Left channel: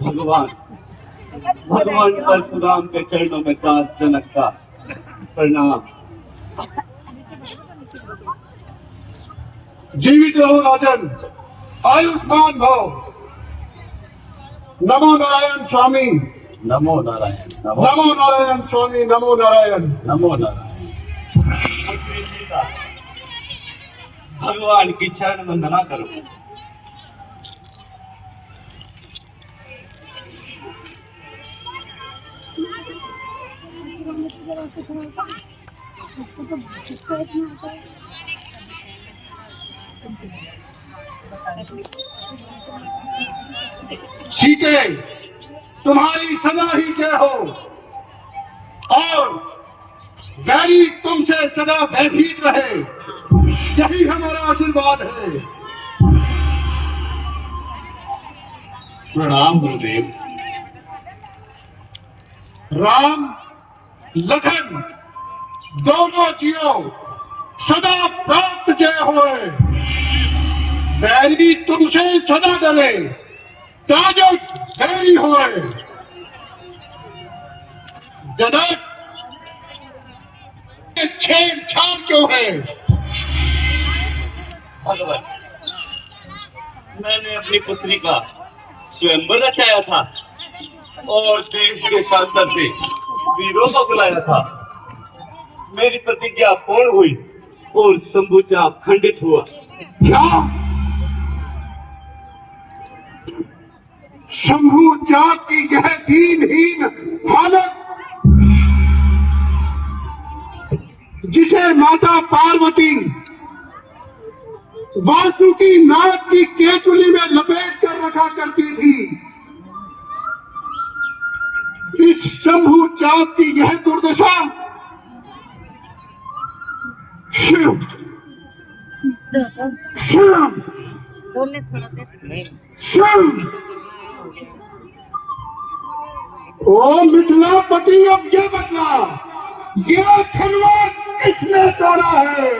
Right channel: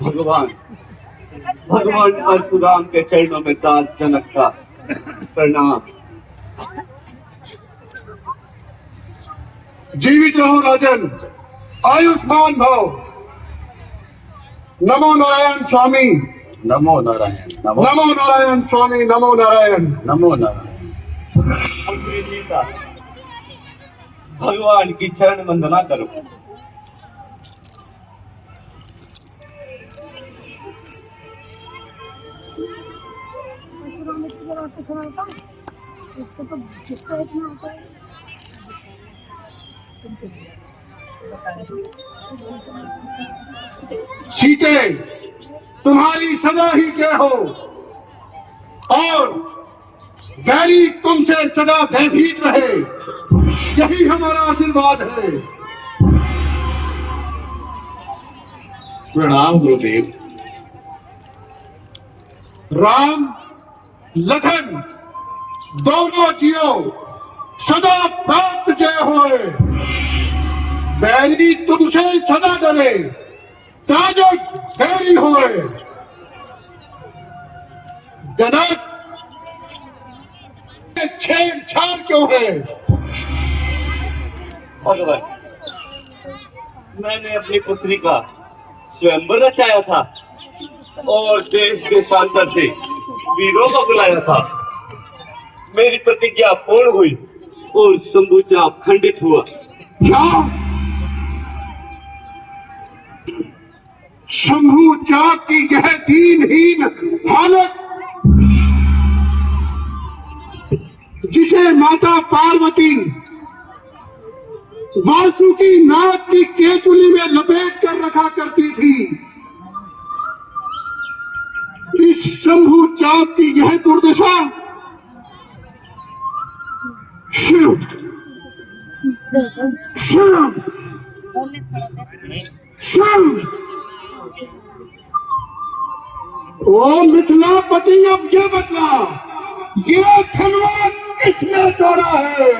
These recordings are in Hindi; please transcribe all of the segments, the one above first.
भगवान भगवान परशुराम के चरणों में दास जनक का प्रणाम। जीवित रहो राजन, आयुष्मान भव। नमो नारायण स्वामी, नमो नारायण, नमो नारायण स्वामी, नमो नारायण, नमो नारायण। भगवान की चरण वंदना करो। सीते, तुम्हारी सदा ही जय हो और वैरी तुमसे सदा भयभीत रहे, यही हमारा आशीर्वाद है। प्रणाम गुरुदेव। राम लखन दोनों जियो, सदा प्राप्त जय होए। वैरी तुमसे सदा डरे, ताजो वैरी होए। जनक, छेड़छाड़ क्यों है? भगवान, मैंने अपनी पुत्री का स्वयंवर रचाया था और देश देशांतर से वीरों को बुलाया था। मेरी प्रतिज्ञा पूर्ण हुई और शंभु चाप खंडित हुआ। क्या? शंभु चाप की यह दीनहीन हालत, जिसे माता पार्वती वासुकी नाग की केचुली में लपेट कर रखा करती थी, इस शंभु चाप की यह दुर्दशा। शिव शिव शिव, ओ मिथिलापति, अब ये बतला, ये खिलवाड़ किसने तोड़ा है?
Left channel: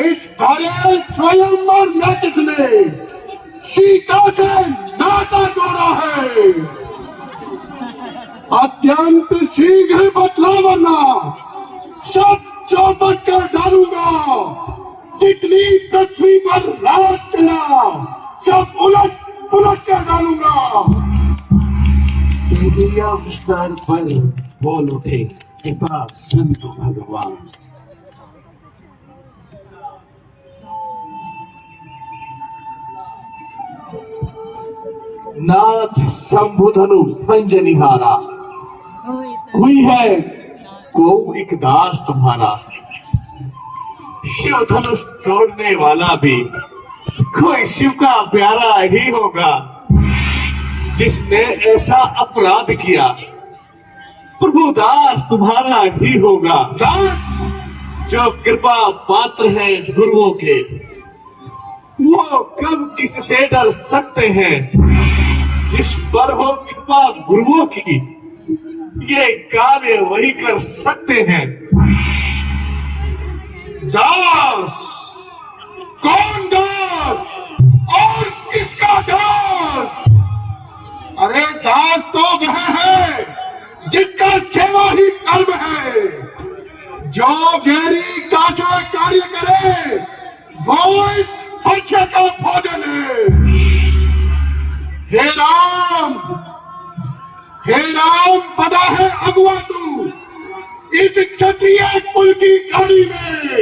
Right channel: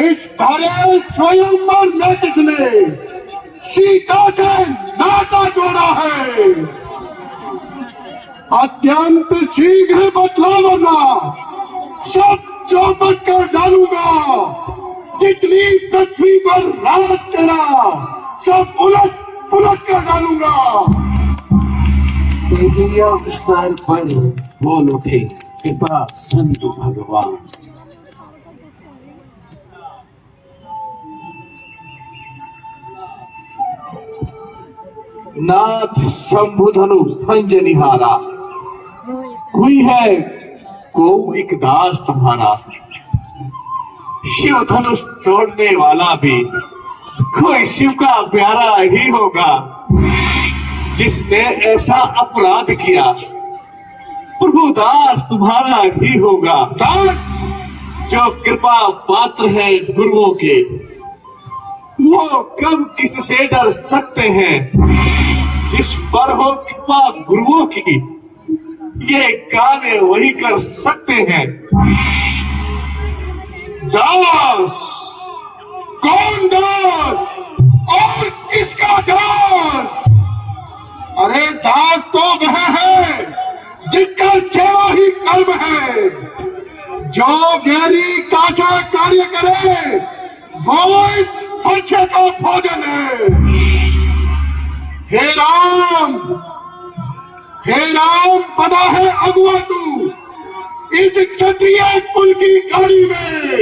इस भरे स्वयंवर में किसने सीता से नाता जोड़ा है? अत्यंत शीघ्र बतला, वरना सब चौपट कर डालूंगा। जितनी पृथ्वी पर राज तेरा, सब उलट पुलट कर डालूंगा। तेरे अवसर पर बोल उठे कृपा सिंधु भगवान। नाथ शंभुधनु भंजनिहारा, हुई है को एक दास तुम्हारा। शिव धनुष तोड़ने वाला भी कोई शिव का प्यारा ही होगा। जिसने ऐसा अपराध किया प्रभु दास तुम्हारा ही होगा। दास जो कृपा पात्र है गुरुओं के, वो कब किससे डर सकते हैं। जिस पर हो कृपा गुरुओं की, ये कार्य वही कर सकते हैं। दास कौन दास और किसका दास? अरे दास तो वह है जिसका सेवा ही कर्म है। जो वैरी का सा कार्य करे, वो इस फर्शे का भोजन है। हे राम पता है अगुआ तू, इस क्षत्रिय कुल की गाड़ी में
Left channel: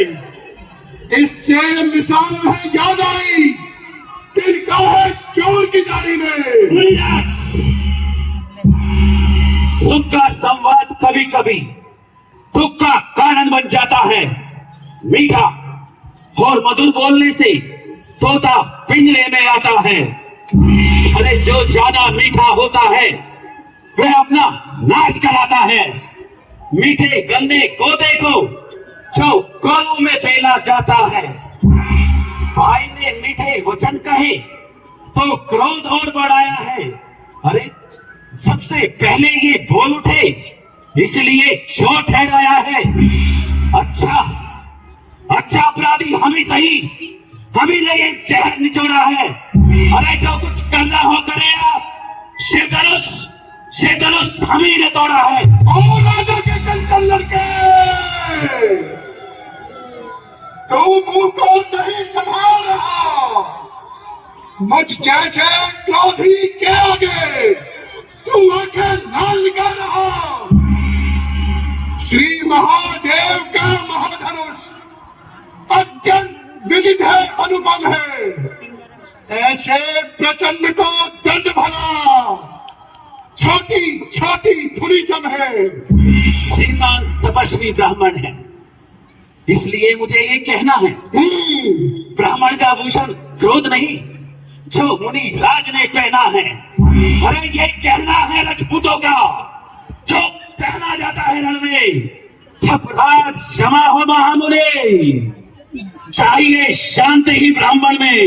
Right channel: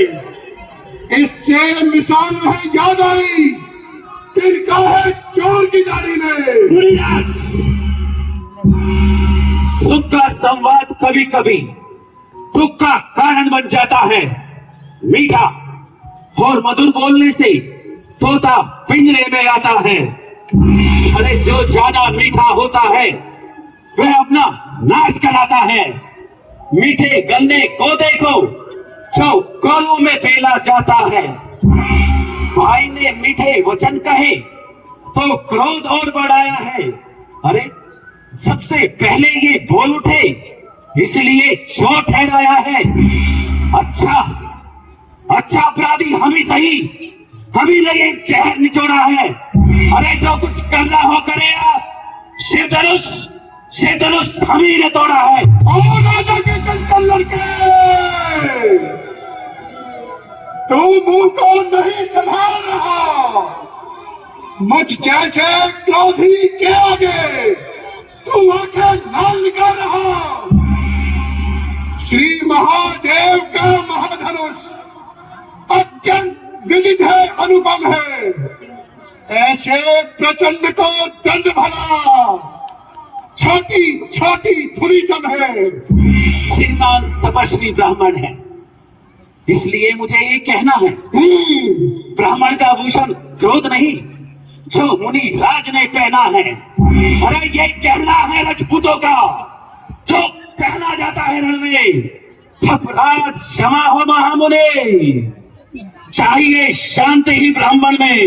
इससे मिसाल है याद आई, तिनका है चोर की गाड़ी में। भूलियाज। सुख का संवाद कभी कभी दुख का कारण बन जाता है। मीठा और मधुर बोलने से तोता पिंजरे में आता है। अरे जो ज्यादा मीठा होता है वह अपना नाश कराता है। मीठे गन्ने को देखो जो कौलों में फैला जाता है। भाई ने मीठे वचन कहे तो क्रोध और बढ़ाया है। अरे सबसे पहले ये बोल उठे इसलिए चोर ठहराया है। अच्छा अपराधी हम ही सही, हम ही ने ये जहर निचोड़ा है। अरे जो कुछ करना हो करे आप, शेधनुष हम ही ने तोड़ा है। ओ राजा के चंचल लड़के, तू मुंह को नहीं संभाल रहा। मुझ जैसे क्रोधी के आगे तू आंखें लाल निकाल रहा। श्री महादेव का महाधनुष अत्यंत विदित है, अनुपम है। ऐसे प्रचंड को दंड भरा छोटी छोटी थुरी सब है। श्रीमान तपस्वी ब्राह्मण है, इसलिए मुझे ये कहना है, ब्राह्मण का भूषण क्रोध नहीं जो मुनि राज ने पहना है। अरे ये कहना है राजपूतों का जो पहना जाता है रण में। अपराध क्षमा हो महामुनि, चाहिए शांति ही ब्राह्मण में।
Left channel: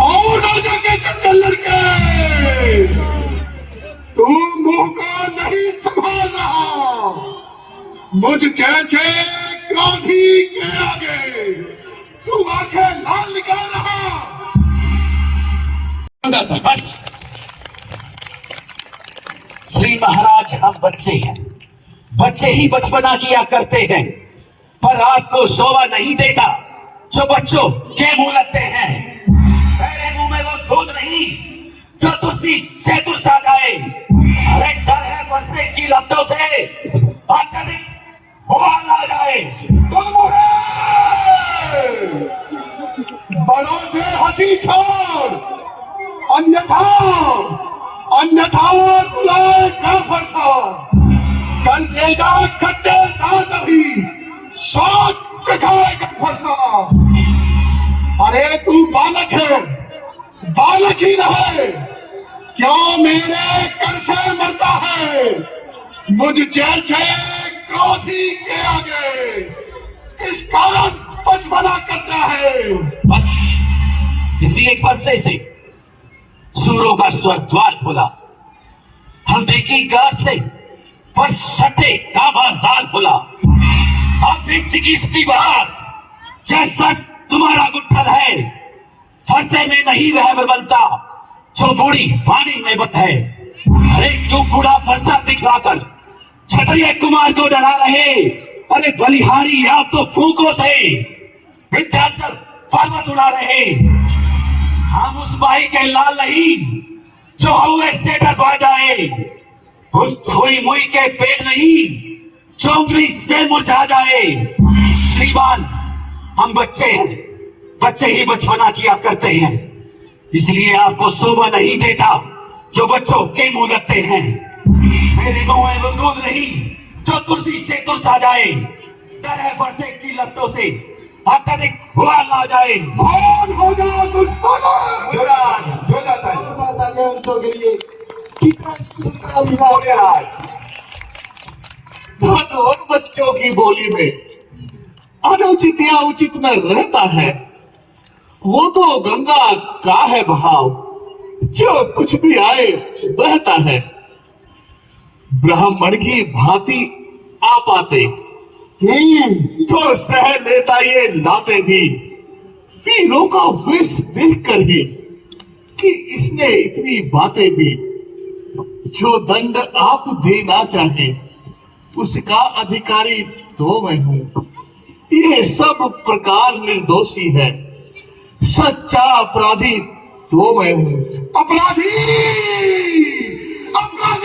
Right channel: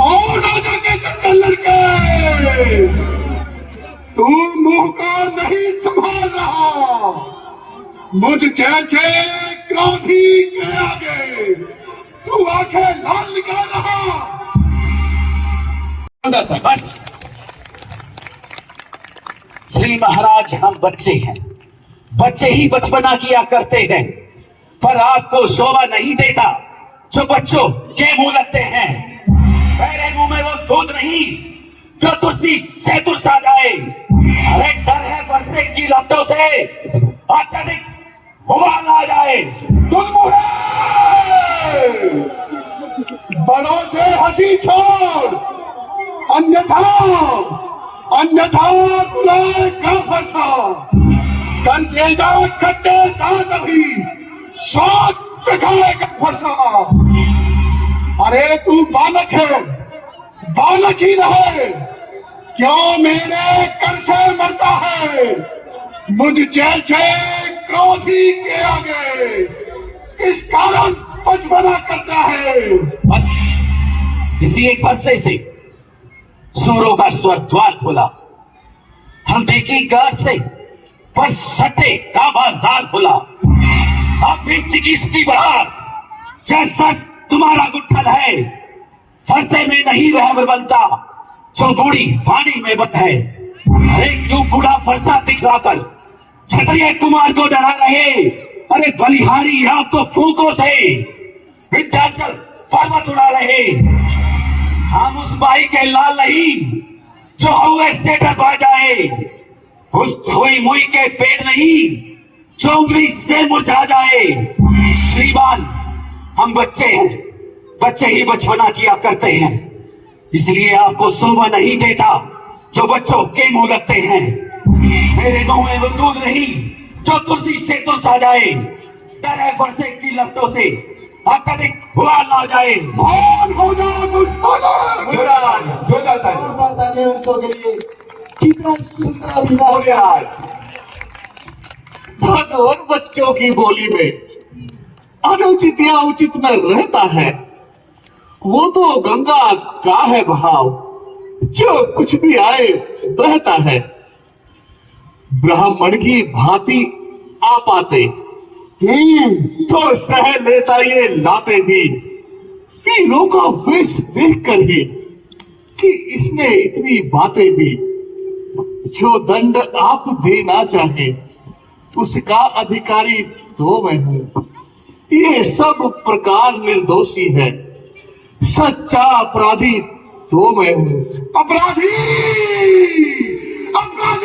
और राजा के चंचल लड़के, तू मुंह को नहीं संभाल रहा। मुझ जैसे क्रोधी के आगे तू आंखें लाल निकाल रहा। बस श्री महाराज, हम बच्चे हैं, बच्चे ही बचपना किया करते हैं, पर आपको शोभा नहीं देता जो बच्चों के मुंह लगते हैं। मेरे मुंह में वो दूध नहीं जो तुलसी से तुलसा जाए। अरे डर है वर्षे की लपटों से अत्यधिक उबाल आ जाए। बड़ों से हंसी छोड़, अन्यथा तुलाए का फरसा। कंटेगा खट्टे दांत अभी स्वाद चखाएगा फरसा। अरे तू बालक है, बालक ही रहे, क्यों मेरे कर से मरता है। मुझ जैसे क्रोधी के आगे इस कारण बचपना करता है। बस इसी एक वर्षे से सूरों का स्वर द्वार खोला। हल्दी की गार से पर सटे का बाजार खुला। अब भी चिकित्सकी बाहर जैसा तुम्हारा गुट्ठल है। फरसे में नहीं रह बलता जो बूढ़ी वाणी में बंद है। अरे क्यों बूढ़ा फरसा दिखलाकर क्षत्रिय कुमार को डरा रहे। अरे बलिहारी आप तो फूकों से विंध्याचल पर्वत उड़ा रहे। हम उस भाई के लाल नहीं जो हुए से डरवा जाए। उस धोई मुई के पेड़ नहीं जो उंगली से मुरझा जाए। श्रीमान, हम बच्चे हैं, बच्चे ही बचपना किया करते हैं, इसलिए आपको शोभा नहीं देता जो बच्चों के मुंह लगते हैं। मेरे मुंह में वो दूध नहीं जो तुलसी से तुलसा जाए। डर है वर्षे की लपटों से अत्यधिक हुआ ना जाए। कौन हो जाओ दुष्ट के लिए कितना सुंदर विवाह हो गया आज। और बच्चों की बोली में अनुचित या उचित में रहता है। वो तो गंगा का है भाव, जो कुछ भी आए रहता है। ब्राह्मण की भांति आप आते तो सह लेता ये लाते भी। वीरों का वेश देख कर ही कि इसने इतनी बातें भी। जो दंड आप देना चाहे उसका अधिकारी तो मैं हूं। ये सब प्रकार निर्दोषी है, सच्चा अपराधी तो मैं हूं। अपराधी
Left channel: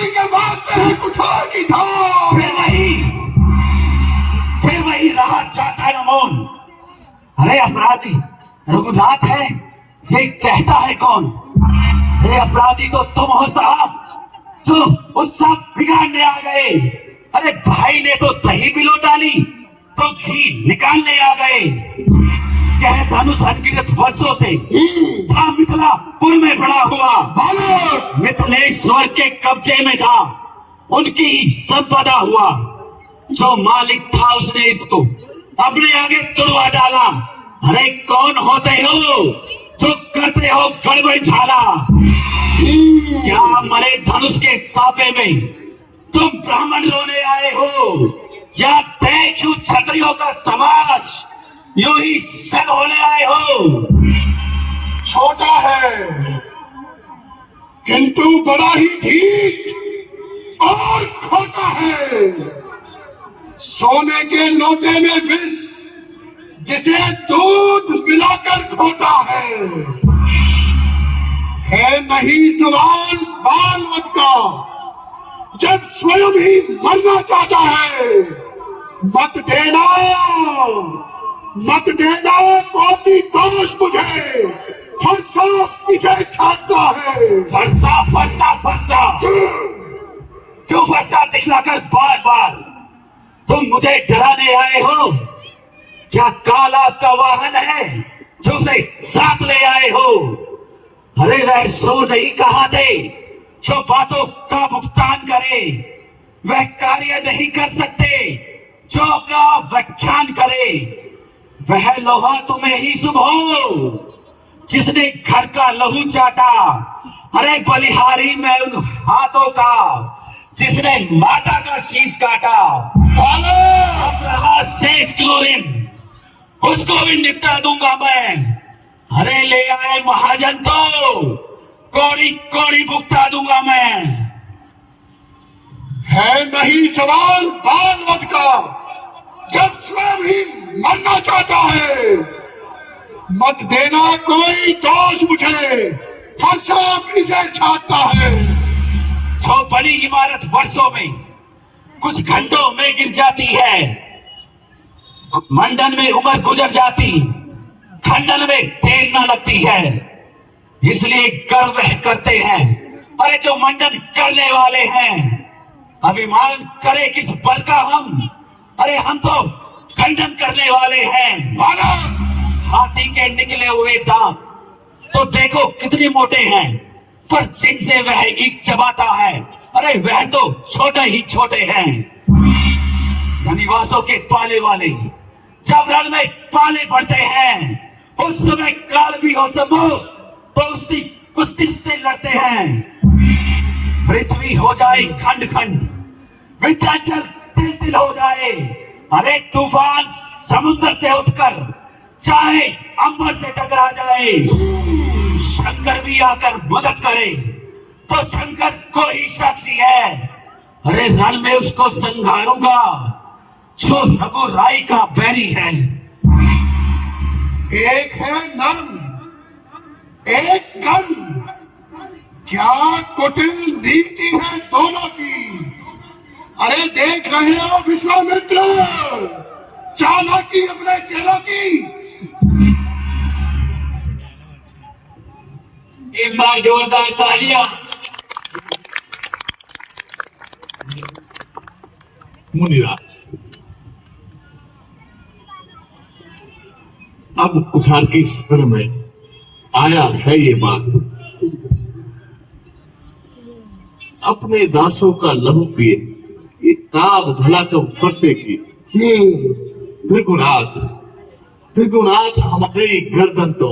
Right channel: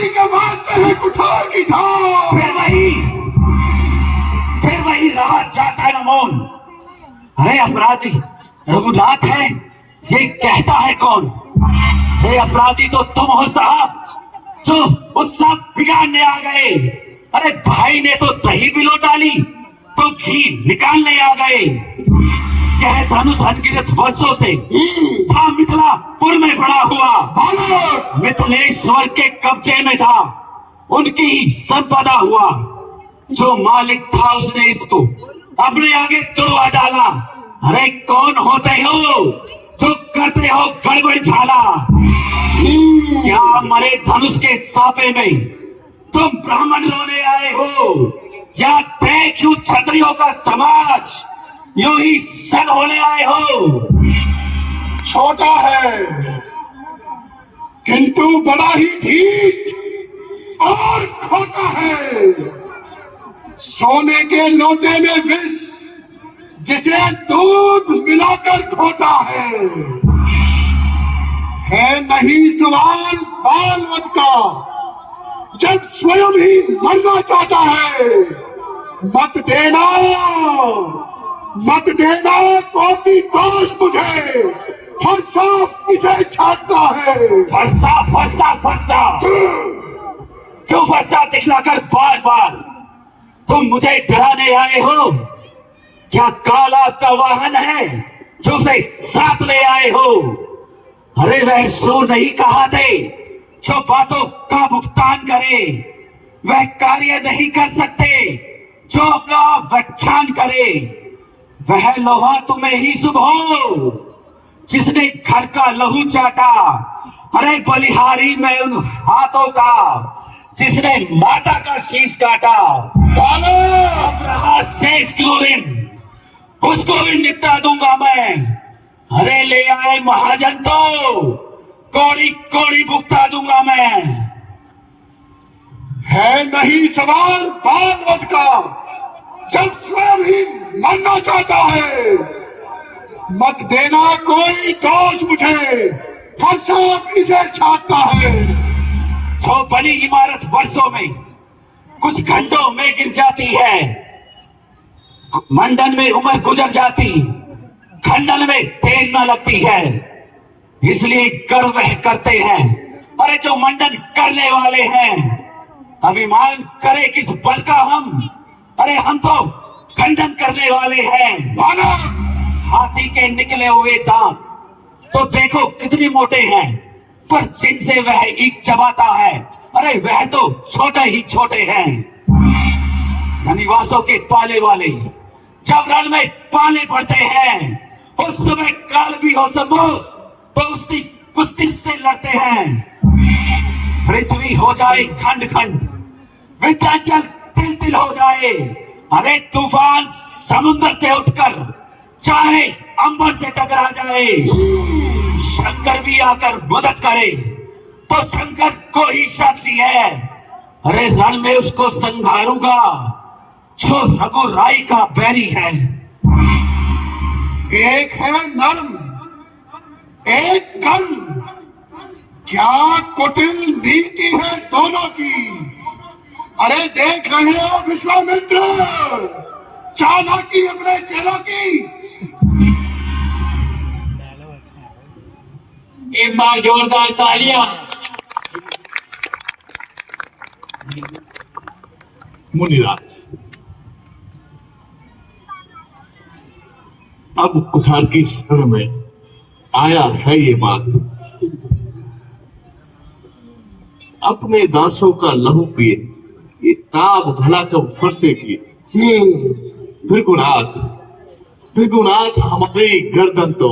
के बात है कुठार की धार। फिर वही रहा जाता है मौन। अरे अपराधी रघुनाथ है ये कहता है कौन। ये अपराधी तो तुम हो साहब, जो उत्सव बिगाड़ने आ गए। अरे भाई ने तो दही बिलो डाली तो घी निकालने आ गए। यह धनुष अनगिनत वर्षों से था मिथिलापुर में पड़ा हुआ, मिथिलेश्वर के कब्जे में था, उनकी ही संपदा हुआ। जो मालिक था उसने इसको अपने आगे तुड़वा डाला। अरे कौन होते हो जो करते हो गड़बड़ झाला? क्या मरे धनुष के सापे में तुम ब्राह्मण रोने आए हो, या देखूं क्षत्रियों का समाज यूं ही सन होने आए हो? छोटा है किंतु बड़ा ही ठीक और खोटा है। सोने के लोटे में विष जिसे दूध मिलाकर खोता है नहीं सवाल बालवत का, जब स्वयं ही मरना चाहता है। मत देना कोई दोष मुझे, फरसा किसे छाटता है। फरसा फरसा फरसा क्यों फरसा दिखलाकर बार बार तुम मुझे डराने आए हो? क्या काला का वाहन है जो उसे साथ ले आए हो? अरे वह सो नहीं कहा थे जो बातों का भुगतान करे, वह कार्य नहीं कर सकते जो अपना व्याख्यान करे। वह लोहा तुम्हें ही शुभ हो जिसने घर का लहू चाटा। अरे बलिहारी में उन हाथों का जिसने माता का शीश काटा। शेष क्लोरीन उसको भी निपटा दूंगा मैं। अरे ले आए महाजन तो कौड़ी कौड़ी भुगता दूंगा मैं। है नहीं सवाल भागवत का, जब स्वयं ही मरना चाहता है। मत देना कोई दोष मुझे, फरसा इसे छाटता है। जो बनी इमारत वर्षों में कुछ घंटों में गिर जाती है, मंडन में उम्र गुजर जाती, खंडन में देर न लगती है। इसलिए गर्व वह करते हैं, अरे जो मंडन करने वाले हैं। अभिमान करे किस बल का हम, अरे हम तो खंडन करने वाले हैं। हाथी के निकले हुए दांत तो देखो कितने मोटे हैं, पर जिनसे वह ईख चबाता है, अरे वह तो छोटे ही छोटे हैं। रनिवासों के पाले वाले जब रण में पाले पड़ते हैं, उस समय काल भी हो संभव तो उसकी कुश्ती से लड़ते हैं। पृथ्वी हो जाए खंड खंड, विंध्याचल तिल तिल हो जाए, अरे तूफान समुद्र से उठकर चाहे अंबर से टकरा जाए, शंकर भी आकर मदद करे तो शंकर को ही साक्षी है। अरे रण में उसको संहारूंगा जो रघुराई का बैरी है। एक है नर्म एक कर्म, क्या कुटिल नीति है दोनों की। अरे देख रहे हो विश्वामित्र, चालाकी अपने चेलों की। एक बार जोरदार तालियां। मुनिराज, अब कुठार की शरण में आया है ये बात। अपने दासों का लहू पिए ये ताब भला कब फरसेगी। भृगुनाथ हमारी गर्दन तो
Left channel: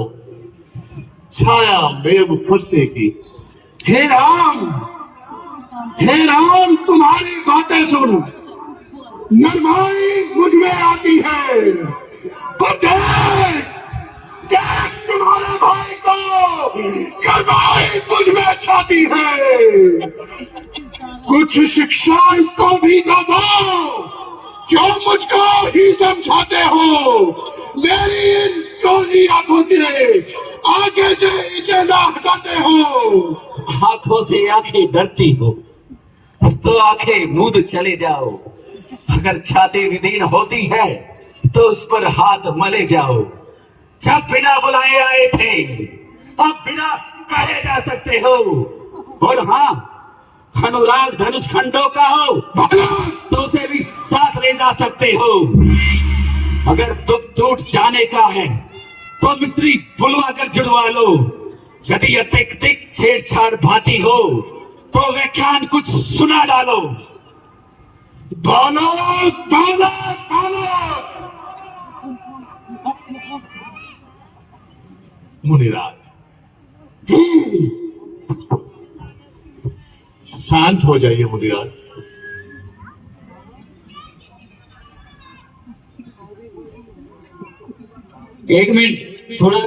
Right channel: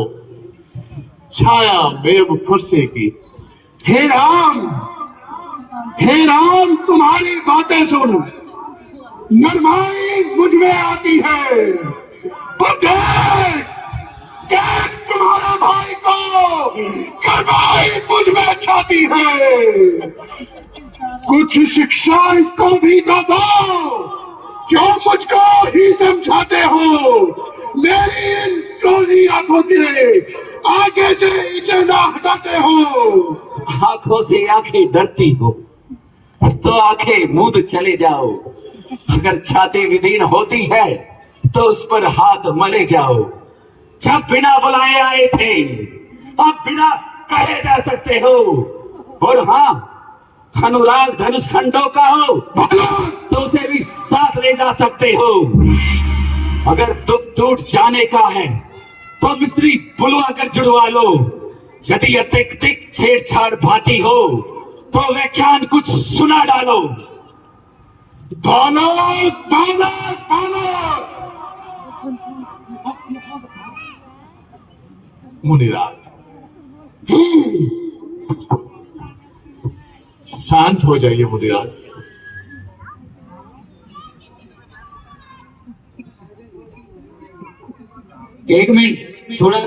छाया मेव फरसेगी। हे राम तुम्हारी बातें सुन नरमाई मुझ में आती है, पर देख तुम्हारे भाई को करवाई मुझ में छाती है। कुछ शिक्षा इसको भी दे दो, क्यों मुझको ही समझाते हो। मेरी इन टोली आंखों के आगे से इसे ना हटाते हो। आंखों से आंखें डरती हो तो आंखें मूंद चले जाओ। अगर छाती विदीर्ण होती है तो उस पर हाथ मले जाओ। जब बिना बुलाए आए थे, अब बिना कहे जा सकते हो। और हाँ, अनुराग धनुष खंडों का हो तो उसे भी साथ ले जा सकते हो। अगर दुख टूट जाने का है तो मिस्त्री बुलवा कर जुड़वा लो। यदि अत्यधिक छेड़छाड़ भाती हो तो व्याख्यान कुछ सुना डालो। बोलो बोलो बोलो। मुनिराज, शांत हो जाइए मुनिराज। एक मिनट, थोड़ा